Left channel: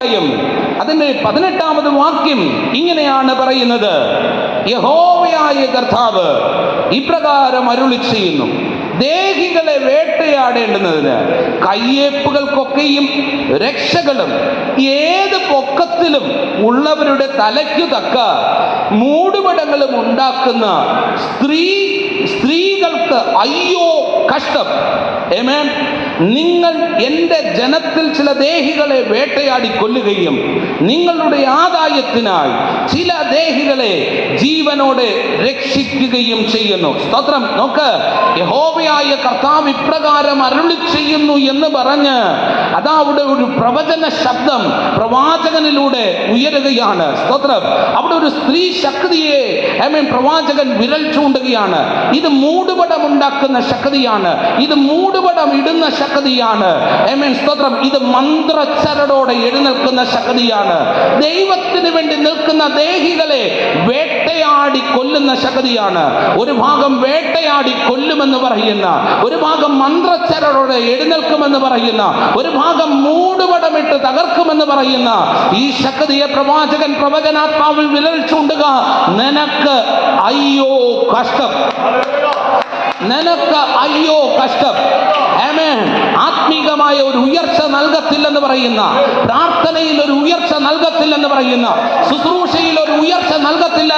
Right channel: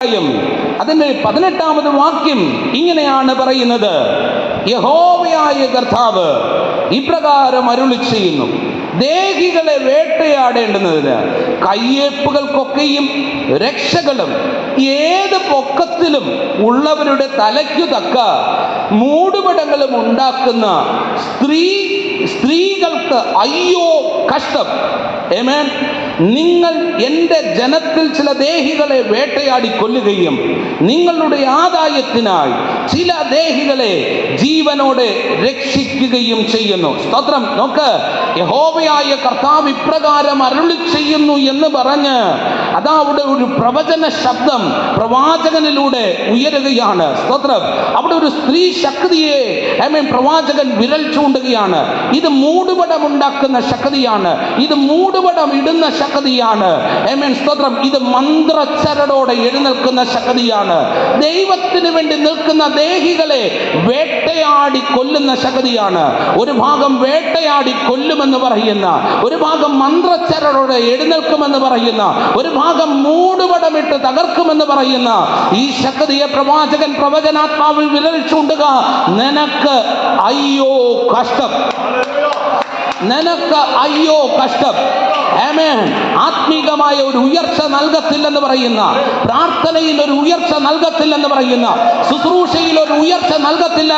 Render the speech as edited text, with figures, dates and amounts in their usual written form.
അതിന്റെ 18ാമത് വാക്യം ഇങ്ങനെയാണ് പറയുന്നത്: യഹോവയായ കർത്താവ് ഇപ്രകാരം അരുളി ചെയ്യുന്നു, ദേഹികളെ വേട്ടയാടേണ്ടുന്നതിന് കയ്യേപ്പുകൾക്കൊക്കെയും രക്ഷകളും ഏത് പൊക്കത്തിലും ഉള്ളവരുടെ തലയ്ക്കു തക്ക മൂടുപടങ്ങളും ഉണ്ടാക്കുന്ന സ്ത്രീകൾക്ക് അയ്യോ കഷ്ടം. ആമേൻ. നിങ്ങൾ എൻ്റെ ജനത്തിൽ ചില ദേഹികളെ വേട്ടയാടി കൊല്ലുകയും നിങ്ങളുടെ ആദായത്തിനായി ചില ദേഹികളെ ജീവനോടെ രക്ഷിക്കുകയും ചെയ്യുന്നു. സ്തോത്രം. നോക്ക്, യഹോവയായ കർത്താവ് ഇപ്രകാരം അരുളി ചെയ്യുന്നു എന്ന് പറഞ്ഞ് അതാ അവിടെ ഒരു പ്രവചന ശബ്ദം പ്രവാചകനിലൂടെ ഉയരുകയാണ്. സ്തോത്രം. അവിടെ ഒരു സ്ത്രീ ശക്തിയെ പ്രവാചകൻ വിരൽ ചൂണ്ടുകയാണ്. ഇത് മൂടുപടം ഉണ്ടാക്കുന്ന ശക്തിയാണ്, ഇത് മൂടുപടം ഇടുന്ന ശക്തിയാണ്. സ്തോത്രം. ഇത് മന്ത്രച്ചരടോടെ എഴുന്നേൽക്കുന്ന ശക്തിയാണ്. ദൈവത്തിന് വേണ്ടി നിൽക്കുന്ന ദേഹികളെ വേട്ടയാടി കൊല്ലുന്ന ശക്തിയാണ്. ഒരു ഭാഗം വേട്ടയാടി കൊല്ലുമെന്ന് പറയുന്ന, ഒരു ഭാഗം മന്ത്രച്ചരടോടെ എഴുന്നേൽക്കുമെന്ന് പറയുന്ന, ഒരു ഭാഗം മൂടുപടമിട്ട് തകർക്കുമെന്ന് പറയുന്ന ഈ ശക്തിയെ പ്രവാചകൻ പ്രവചനാത്മാവിൽ വിരൽ ചൂണ്ടുക. നിനക്ക് അയ്യോ കഷ്ടം, നിനക്ക് അയ്യോ കഷ്ടം. ആമേൻ. ആത്മീകമായ ഒരു ഉയർച്ച നൽകത്തില്ലെന്ന് പറയുന്ന, പ്രാർത്ഥനയിൽ ഒരു ഉയർച്ച നൽകത്തില്ലെന്ന് പറയുന്ന, ശുശ്രൂഷയിൽ ഒരു ഉയർച്ച നൽകത്തില്ല